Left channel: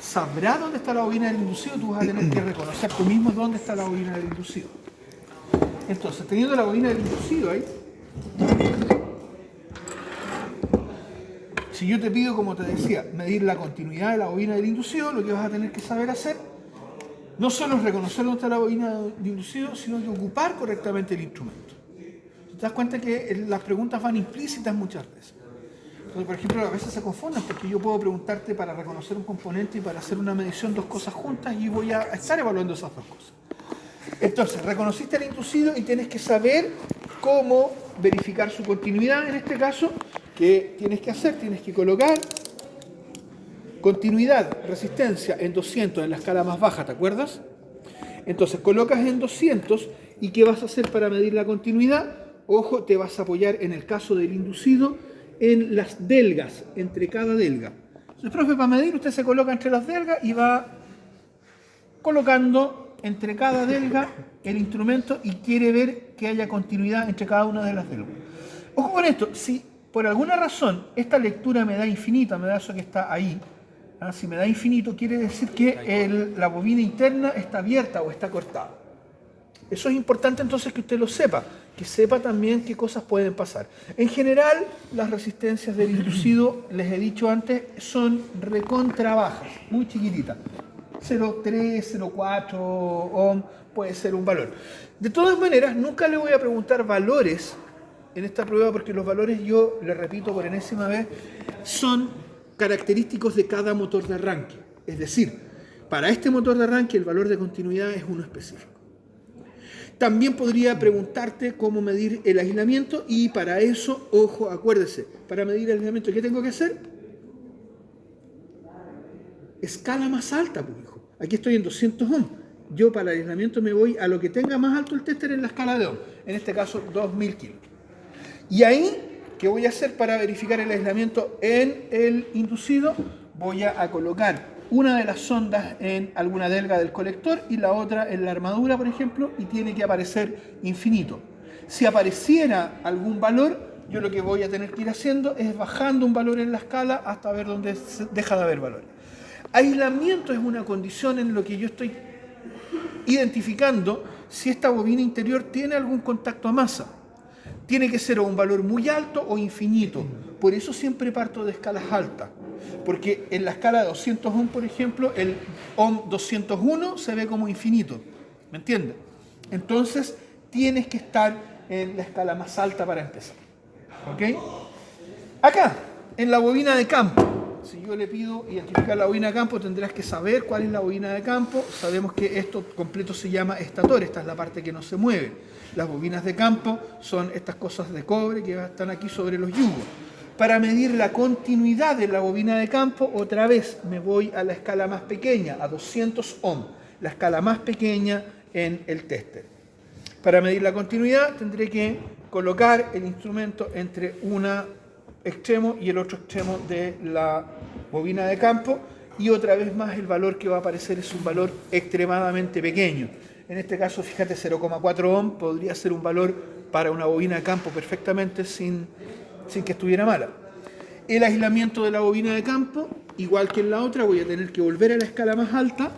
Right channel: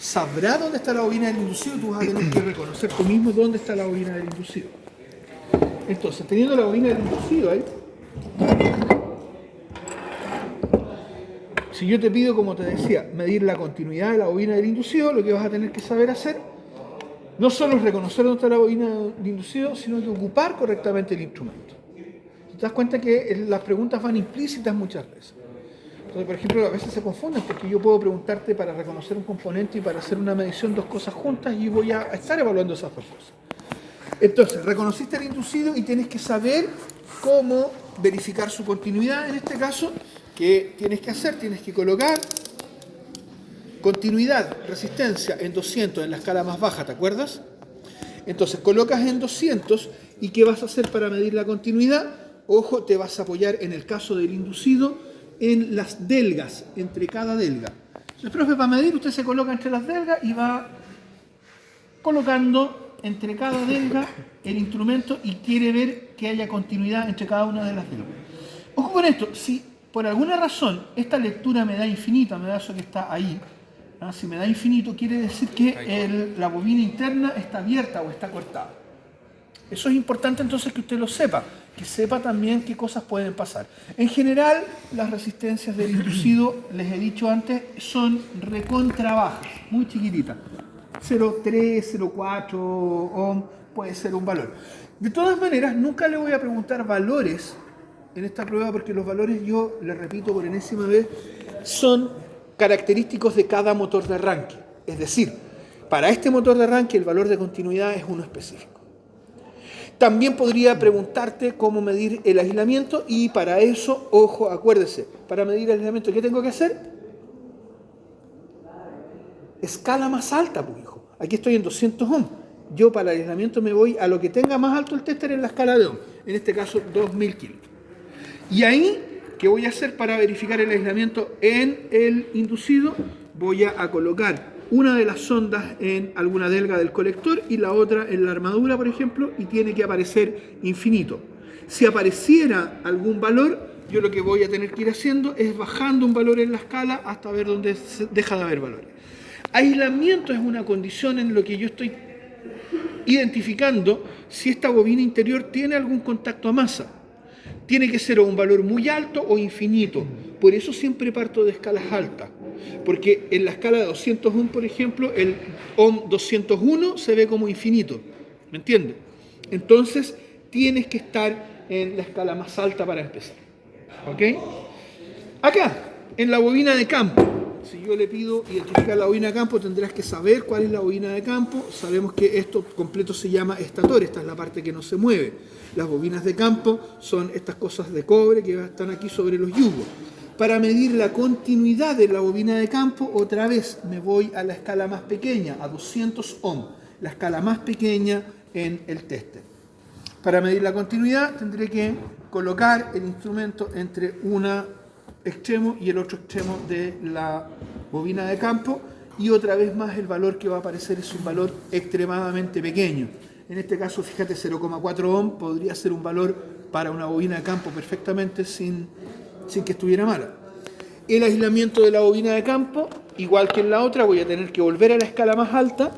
sabrá dónde está la bobina del inducido, tú vas a tener que reconocer tú mismo dónde está la bobina del inducido. Entonces, teniendo la bobina del inducido ahí, si yo te pido, como te decía, medir la continuidad de la bobina del inducido, lo que vas a tener que saber hacer no solo es reconocer dónde está la bobina del inducido, sino que ocupar correctamente el instrumento. Te das cuenta que las preguntas van implícitas muchas veces. Entonces, por ejemplo, a veces se confunden porque yo puedo preguntarte para reconocer un componente y para hacer una medición dos cosas juntas y voy a estar evaluando esas dos cosas. Entonces, reconociste el inducido y tienes que saber cómo verificar su continuidad. En este caso, ¿qué tienes que hacer? Tienes que colocar continuidad, resistencia en 200 en la escala más baja, ¿te acuerdas? Entonces, colocas en 200 y ¿qué vas a hacer para medir la continuidad? Ojo, te vas a apoyar en el caso del inducido en las delgas, entre cada delga. Entonces, profe, para medir usted se coloca entre las delgas y va colocando entre cada delga el instrumento y quiere ver que haya continuidad entre cada una de las delgas. Ojo con esto, si por alguna razón esta lectura me da infinita, me da eso que está ahí, ¿ah? Si me da infinito quiere decir que la bobina interna está abierta o está cortada. Eso es importante entonces que usted lo sepa, que sepa también qué cosas pueden pasar. En general, las resistencias del inducido, les he dicho antes, son recontra bajas, muy chiquititas. 0,3, 0,4 ohm puede ser un valor. De todas maneras, nunca le voy a preguntar valores en esta prueba porque los valores, yo le repito por enésima vez, son característicos de cada motor de arranque. Es decir, para este motor de arranque el valor de continuidad es uno específico. También podría preguntarte cómo medir el aislamiento y para eso, ojo, acuérdese, para medir el aislamiento, ¿qué tengo que hacer? Escala más alta, pues hijo. Aquí estoy en 200 ohm. Yo para el aislamiento me voy a lo que tenga más alto el tester en la escala de ohm. En este caso, 2000 kilos. Y ahí, ¿qué voy a hacer para verificar el aislamiento en el inducido? Voy a colocar una de las sondas en alguna delga del colector y la otra en la armadura, por ejemplo, y tiene que aparecer infinito. Si apareciera algún valor, yo lo que voy a tener que ir haciendo es bajando un valor en la escala hasta ver dónde deja de haber valores. Aislamiento es una condición en lo que yo estoy identificando si esta bobina interior tiene algún contacto a masa. Tiene que ser un valor muy alto o infinito. Por eso siempre parto de escalas altas. Porque en la escala de 200 ohm, por ejemplo, el ohm 201 se ve como infinito. ¿Me entiendes? Entonces, tienes que estar en la escala más alta para empezar. ¿Ok? Acá, en la bobina de campo, si yo le pido identificar la bobina de campo, tendrás que saber cuál es la bobina de campo. Sabemos que esto completo se llama estator, esta es la parte que no se mueve. Las bobinas de campo son estas cosas de cobre que están aquí sobre los yugos. Para medir la continuidad de la bobina de campo, otra vez me voy a la escala más pequeña, a 200 ohm, la escala más pequeña en el tester. Para medir la continuidad tendré que colocar el instrumento entre un extremo y el otro extremo de la bobina de campo y otra vez más el valor que va a aparecer es un valor extremadamente pequeño. En este caso, fíjate, 0,4 ohm podría ser un valor para una bobina de campo perfectamente sin que estuviera mala. El aislamiento de la bobina de campo, igual que en la otra, voy a tener que volver a la escala más alta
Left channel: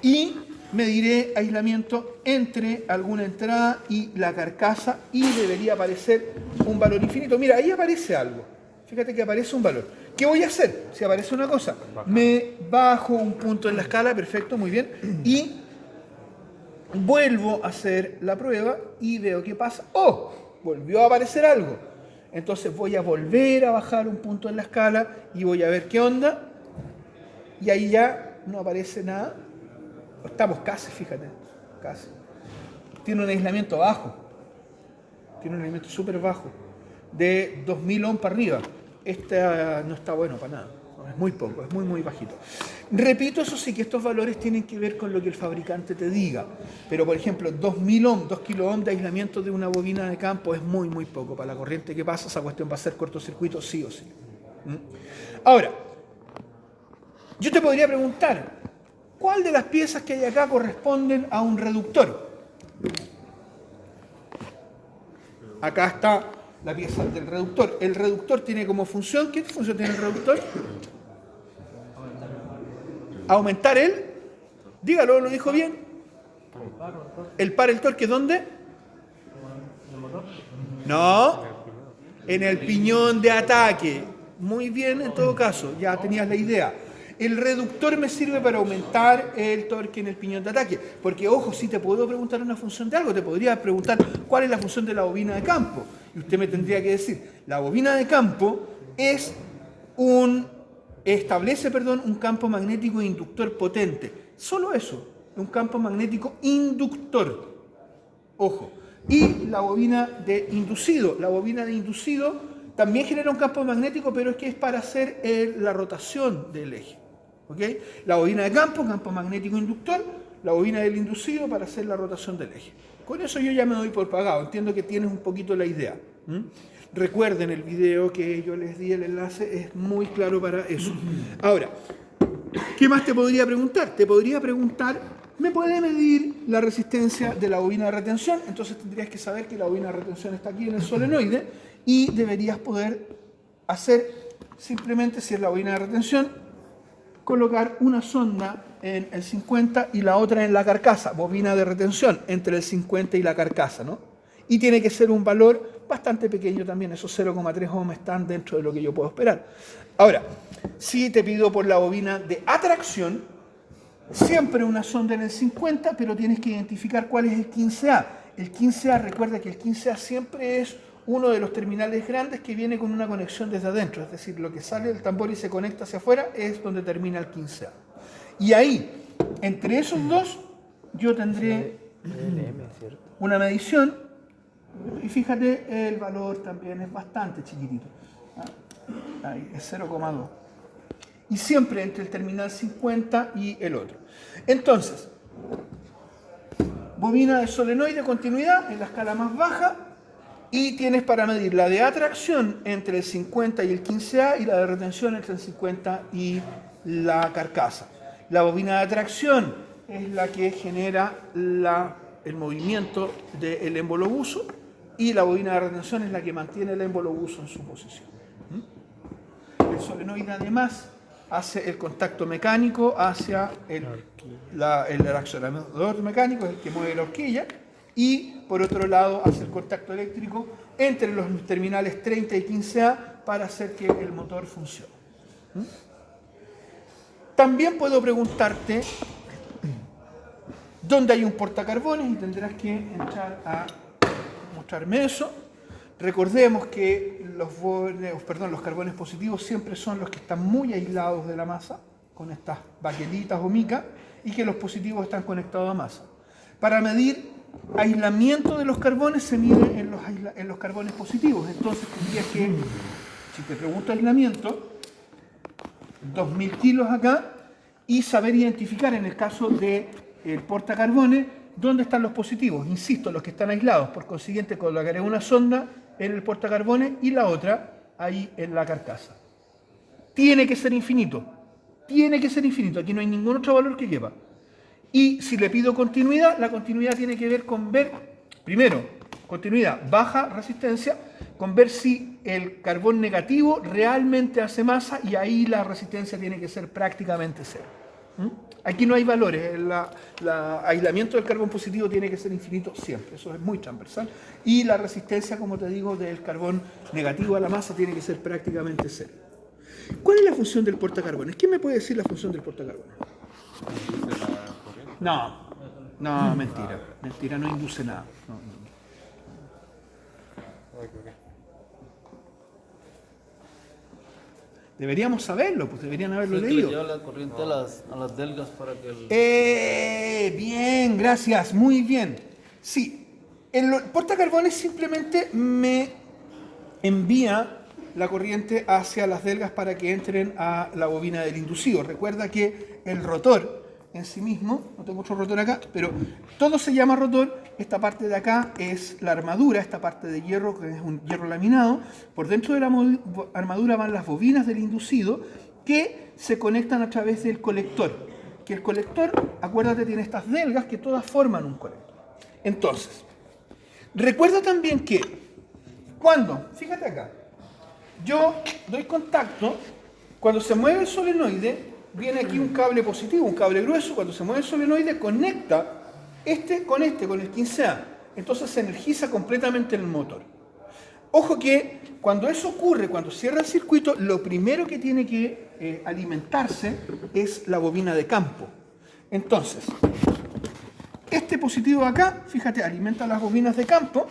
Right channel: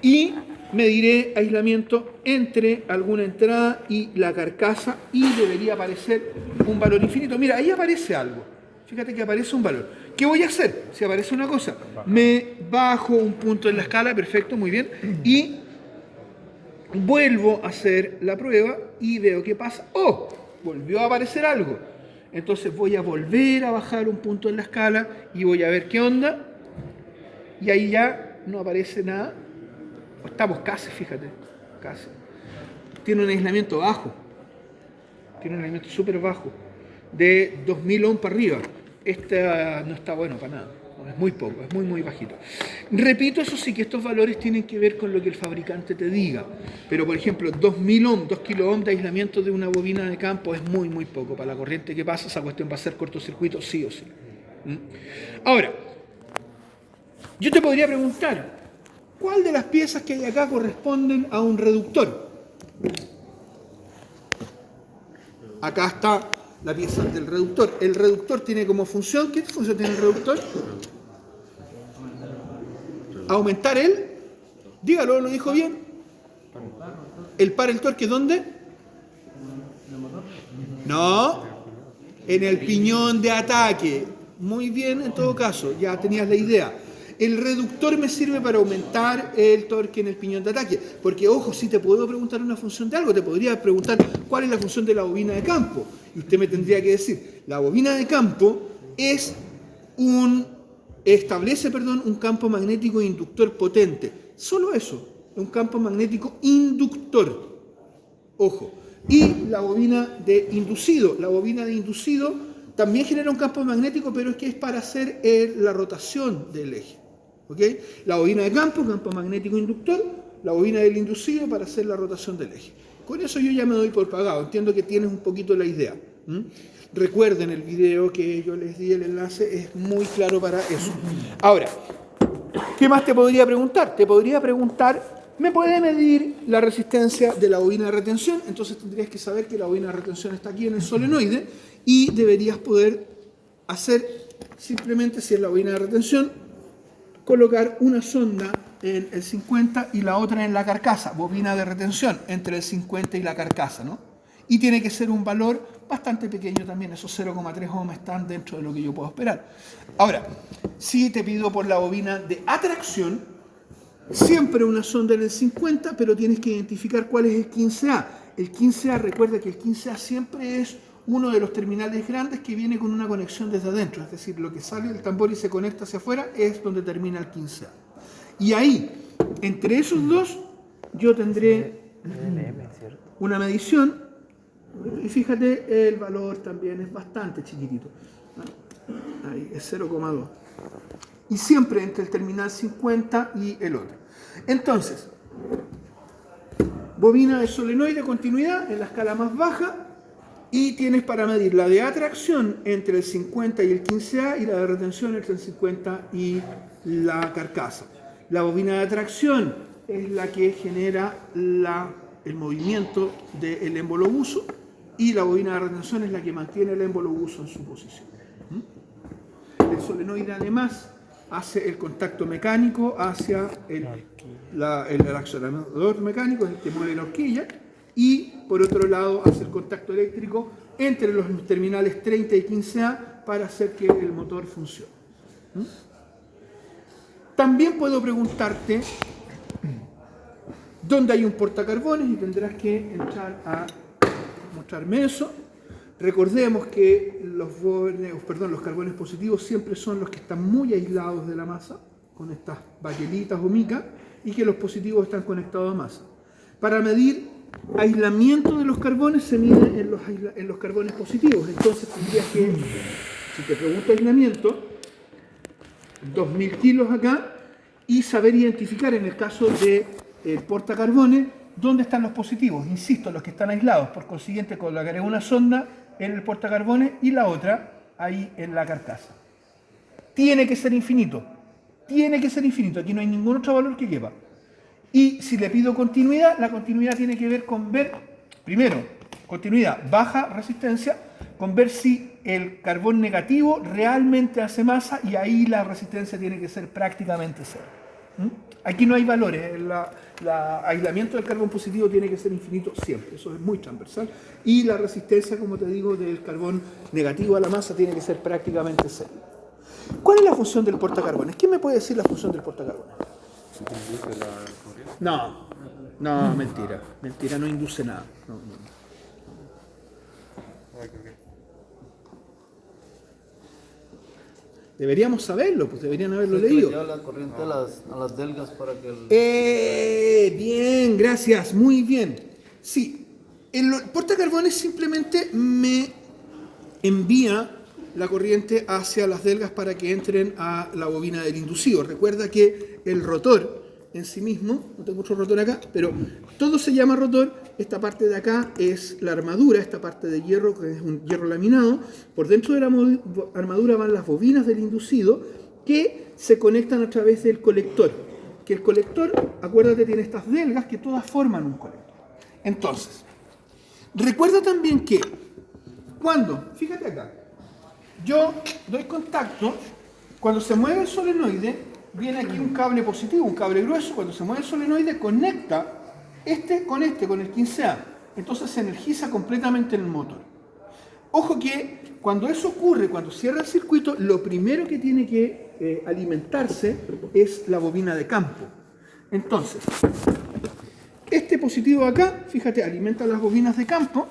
y mediré aislamiento entre alguna entrada y la carcasa y debería aparecer un valor infinito. Mira, ahí aparece algo. Fíjate que aparece un valor. ¿Qué voy a hacer? Si aparece una cosa, me bajo un punto en la escala, perfecto, muy bien, y vuelvo a hacer la prueba y veo qué pasa. ¡Oh! Volvió a aparecer algo. Entonces voy a volver a bajar un punto en la escala y voy a ver qué onda. Y ahí ya no aparece nada. Estamos casi, fíjate, casi. Tiene un aislamiento bajo. Tiene un aislamiento súper bajo. De 2000 ohm para arriba. Este no está bueno para nada. Es muy poco, es muy, muy bajito. Repito, eso sí que estos valores tienen que ver con lo que el fabricante te diga. Pero, por ejemplo, 2000 ohm, 2 kilo ohm de aislamiento de una bobina de campo es muy, muy poco. Para la corriente que pasa, esa cuestión va a ser cortocircuito sí o sí. Ahora, yo te podría preguntar, ¿cuál de las piezas que hay acá corresponden a un reductor? Acá está la pieza del reductor. El reductor tiene como función, ¿qué función tiene el reductor? Aumentar dígalo, lo dijo bien. El par, el torque, ¿dónde? No, en el piñón de ataque. Muy bien, en todo caso, ya tenías la idea. El reductor me sirve para aumentar el torque en el piñón de ataque. Porque, ojo, si te puedo preguntar una función de algo, te podría preguntar cuál es la función de la bobina de campo. Y usted me tendría que decir, la bobina de campo establece un campo magnético inductor potente. Solo eso, un campo magnético inductor. Ojo. Y la bobina de inducido. La bobina de inducido también genera un campo magnético, pero es que es para hacer la rotación del eje. ¿Okay? La bobina de campo magnético inductor, la bobina del inducido para hacer la rotación del eje. Con eso yo ya me doy por pagado. Entiendo que tienes un poquito la idea. Recuerden el video que yo les di, el enlace, es muy claro para eso. Ahora, ¿qué más te podría preguntar? Te podría preguntar, ¿me puede medir la resistencia de la bobina de retención? Entonces tendrías que saber que la bobina de retención está aquí en el solenoide y deberías poder hacer, simplemente si es la bobina de retención, colocar una sonda en el 50 y la otra en la carcasa, bobina de retención entre el 50 y la carcasa, ¿no? Y tiene que ser un valor bastante pequeño también, esos 0,3 ohms están dentro de lo que yo puedo esperar. Ahora, si te pido por la bobina de atracción, siempre una sonda en el 50, pero tienes que identificar cuál es el 15A. El 15A, recuerda que el 15A siempre es uno de los terminales grandes que viene con una conexión desde adentro, es decir, lo que sale del tambor y se conecta hacia afuera es donde termina el 15A. Y ahí, entre esos dos, yo tendré una medición, y fíjate, el valor también es bastante chiquitito. Ahí, es 0,2. Y siempre entre el terminal 50 y el otro. Entonces, bobina de solenoide de continuidad en la escala más baja, y tienes para medir la de atracción entre el 50 y el 15A y la de retención entre el 50 y la carcasa. La bobina de atracción es la que genera el movimiento del émbolo buso y la bobina de retención es la que mantiene el émbolo buso en su posición. El solenoide además hace el contacto mecánico hacia el accionador mecánico, es el que mueve la horquilla, y por otro lado hace el contacto eléctrico entre los terminales 30 y 15A para hacer que el motor funcione. También puedo preguntarte dónde hay un portacarbones y tendrás que entrar a mostrarme eso. Recordemos que los carbones positivos siempre son los que están muy aislados de la masa, con estas baquelitas o micas, y que los positivos están conectados a masa. Para medir aislamiento de los carbones se mide en los carbones positivos. Entonces tendrías que, si te pregunto aislamiento, 2000 kilos acá, y saber identificar en el caso del portacarbones dónde están los positivos. Insisto, los que están aislados. Por consiguiente, colocaré una sonda en el portacarbones y la otra ahí en la carcasa. Tiene que ser infinito. Tiene que ser infinito. Aquí no hay ningún otro valor que lleva. Y si le pido continuidad, la continuidad tiene que ver con ver, primero, continuidad, baja resistencia, con ver si el carbón negativo realmente hace masa, y ahí la resistencia tiene que ser prácticamente cero. Aquí no hay valores, el aislamiento del carbón positivo tiene que ser infinito siempre, eso es muy transversal, y la resistencia, como te digo, del carbón negativo a la masa tiene que ser prácticamente cero. ¿Cuál es la función del portacarbones? ¿Quién me puede decir la función del portacarbones? No, mentira, no induce nada. No. Deberíamos saberlo, pues deberían haberlo leído. Que le lleva la corriente a las delgas para que bien, gracias, muy bien. Sí, el portacarbones simplemente me envía la corriente hacia las delgas para que entren a la bobina del inducido. Recuerda que el rotor en sí mismo, no tengo otro rotor acá, pero todo se llama rotor. Esta parte de acá es la armadura, esta parte de hierro, que es un hierro laminado. Por dentro de la armadura van las bobinas del inducido que se conectan a través del colector. Que el colector, acuérdate, tiene estas delgas que todas forman un colector. Entonces, recuerda también que fíjate acá, yo doy contacto, cuando se mueve el solenoide, viene aquí un cable positivo, un cable grueso, cuando se mueve el solenoide conecta con el 15A. Entonces se energiza completamente el motor. Ojo que cuando eso ocurre, cuando cierra el circuito, lo primero que tiene que alimentarse es la bobina de campo. Entonces, este positivo de acá, fíjate, alimenta las bobinas de campo.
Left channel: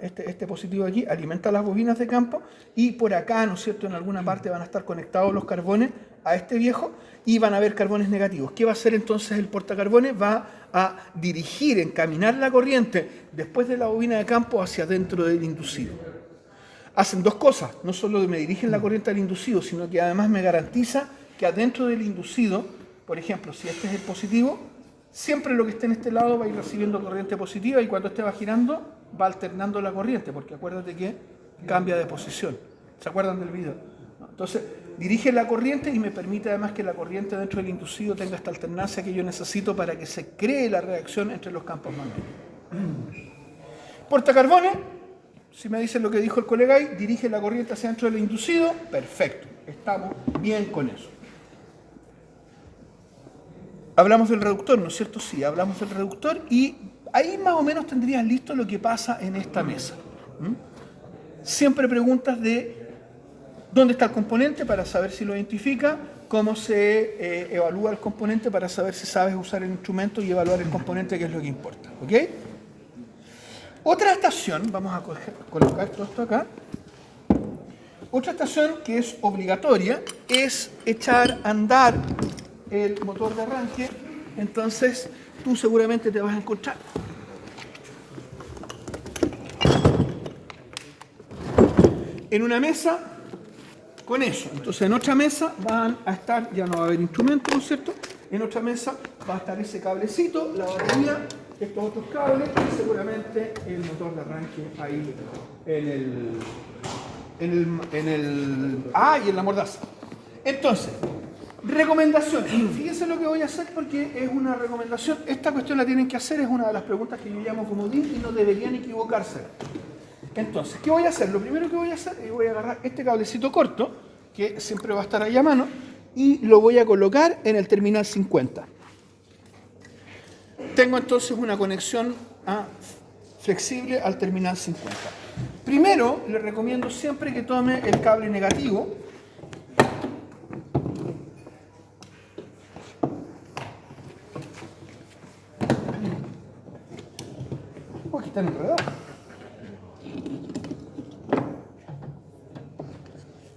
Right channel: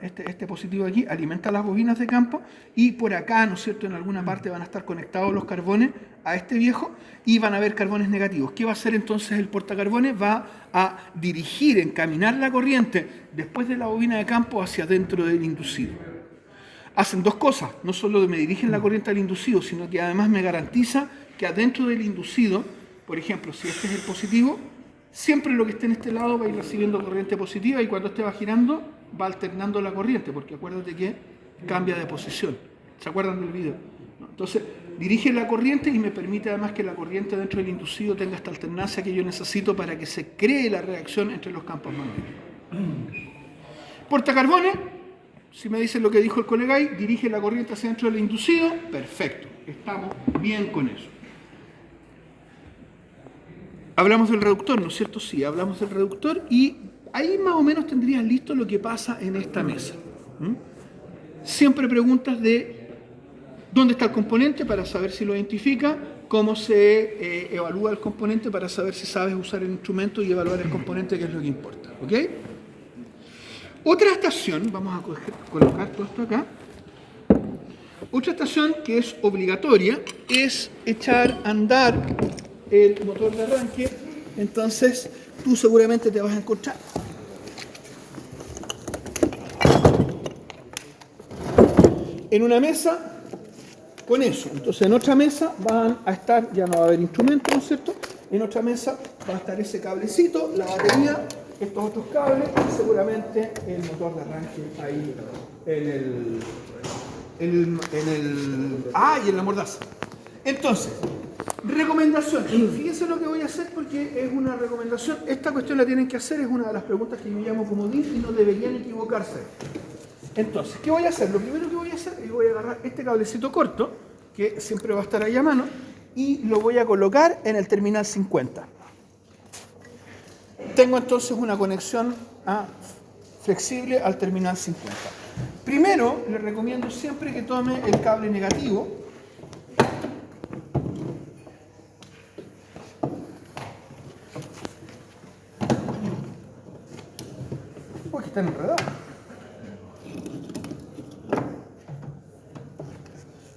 Este positivo aquí alimenta las bobinas de campo y por acá, ¿no es cierto?, en alguna parte van a estar conectados los carbones a este viejo y van a haber carbones negativos. ¿Qué va a hacer entonces el portacarbones? Va a dirigir, encaminar la corriente después de la bobina de campo hacia adentro del inducido. Hacen dos cosas, no solo me dirigen la corriente al inducido, sino que además me garantiza que adentro del inducido, por ejemplo, si este es el positivo, siempre lo que esté en este lado va a ir recibiendo corriente positiva y cuando este va girando va alternando la corriente, porque acuérdate que cambia de posición. ¿Se acuerdan del video? Entonces, dirige la corriente y me permite además que la corriente dentro del inducido tenga esta alternancia que yo necesito para que se cree la reacción entre los campos magnéticos. Portacarbones, si me dicen lo que dijo el colega ahí, dirige la corriente hacia dentro del inducido, perfecto, estamos bien con eso. Hablamos del reductor, ¿no es cierto? Sí, hablamos del reductor y ahí más o menos tendrías listo lo que pasa en esta mesa. Siempre preguntas de dónde está el componente para saber si lo identifica, cómo se evalúa el componente para saber si sabes usar el instrumento y evaluar el componente, que es lo que importa. ¿Ok? Otra estación, vamos a colocar todo esto acá. Otra estación que es obligatoria es echar a andar el motor de arranque. Entonces tú seguramente te vas a encontrar en una mesa con eso. Entonces en otra mesa van a estar, ya no va a haber instrumentos, ¿no es cierto? En otra mesa va a estar ese cablecito, la batería, estos otros cables y seguramente el motor de arranque ahí y en la mordaza. Entonces, recomendación. Fíjense lo que voy a hacer porque es una recomendación. Esta cuestión la tienen que hacer, es una de las preguntas que yo llamo comodín y no deberían equivocarse. Entonces, ¿qué voy a hacer? Lo primero que voy a hacer es voy a agarrar este cablecito corto, que siempre va a estar ahí a mano, y lo voy a colocar en el terminal 50. Tengo entonces una conexión flexible al terminal 50. Primero, le recomiendo siempre que tome el cable negativo. Uy, que están enredados.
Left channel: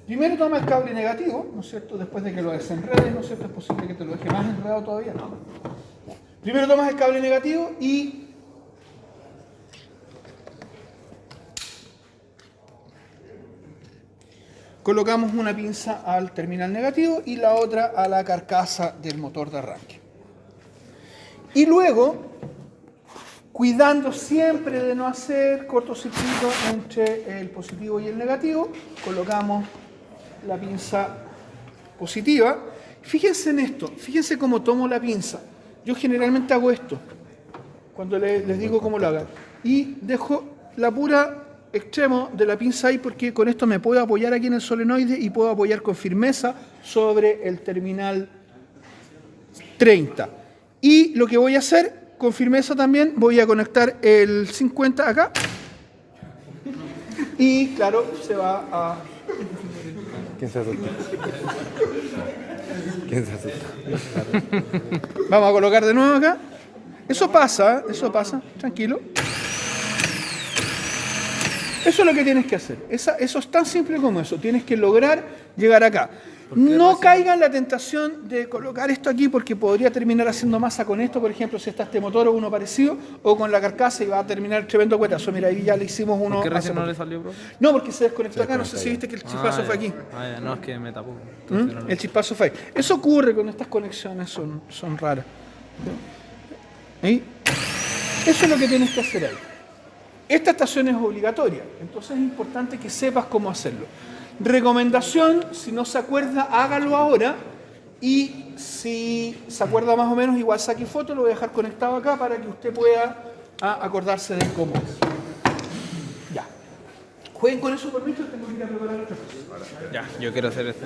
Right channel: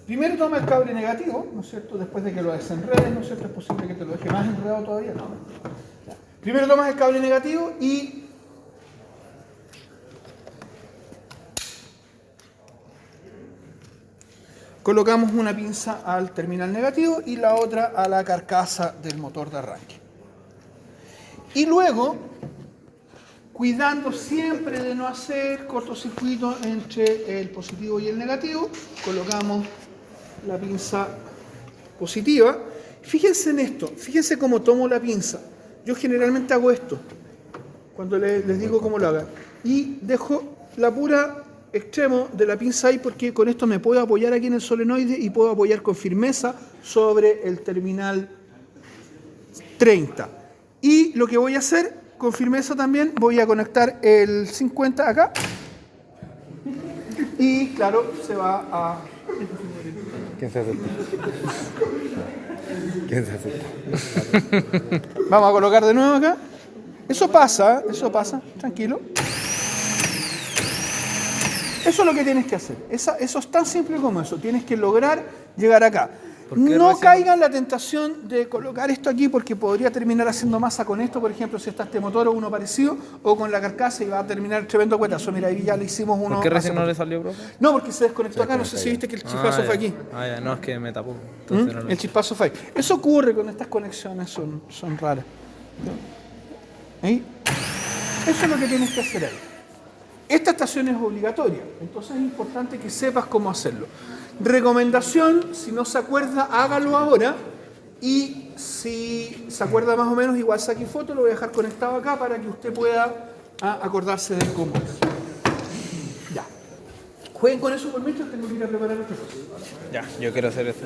Primero toma el cable negativo, ¿no es cierto? Después de que lo desenredes, ¿no es cierto? Es posible que te lo deje más enredado todavía, ¿no? Primero tomas el cable negativo y colocamos una pinza al terminal negativo y la otra a la carcasa del motor de arranque. Y luego, cuidando siempre de no hacer cortocircuito entre el positivo y el negativo, colocamos la pinza positiva. Fíjense en esto, fíjense cómo tomo la pinza. Yo generalmente hago esto, cuando les digo cómo lo haga. Y dejo la pura extremo de la pinza ahí porque con esto me puedo apoyar aquí en el solenoide y puedo apoyar con firmeza sobre el terminal 30. Y lo que voy a hacer, con firmeza también, voy a conectar el 50 acá. Y claro, se va a... ¿Quién se asusta? ¿Quién se asusta? Vamos a colocar de nuevo acá. Eso pasa, tranquilo. Eso es lo que tienes que hacer. Eso es tan simple como eso. Tienes que lograr llegar acá. No caiga en la tentación de colocar esto aquí porque podría terminar haciendo masa con esto, por ejemplo, si está este motor o uno parecido, o con la carcasa y va a terminar tremendo cuetazo. Mira, ahí ya le hicimos uno. ¿Por qué recién no le salió, profe? No, porque se desconectó acá, no sé si viste que el chispazo fue aquí. Ya, no, es que me tapó. El chispazo fue ahí. Eso ocurre con estas conexiones, son raras. ¿Ahí? Eso es lo que tienes que hacer ahí. Esta estación es obligatoria, entonces es importante que sepas cómo hacerlo. Recomendación, si no se acuerda, hágalo ahora y si se acuerda más o menos, igual saque foto, lo voy a dejar conectado acá para que usted pueda acordarse de cómo es. Ya. Jueguen con eso por mientras, tengo que ir a preparar otra cosa. Ya, yo quiero hacer esto.